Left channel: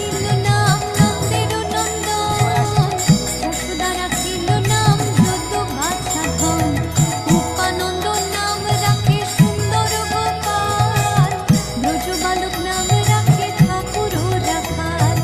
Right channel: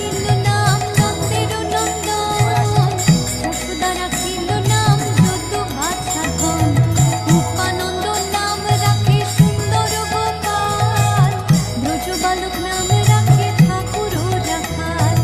রাখিল নাম নন্দের নন্দন, যশোদা রাখিল নাম যদু বাছা ধন, উপানন্দ নাম রাখে সুন্দর গোপাল, ব্রজ বালক নাম রাখে ঠাকুর রাখাল।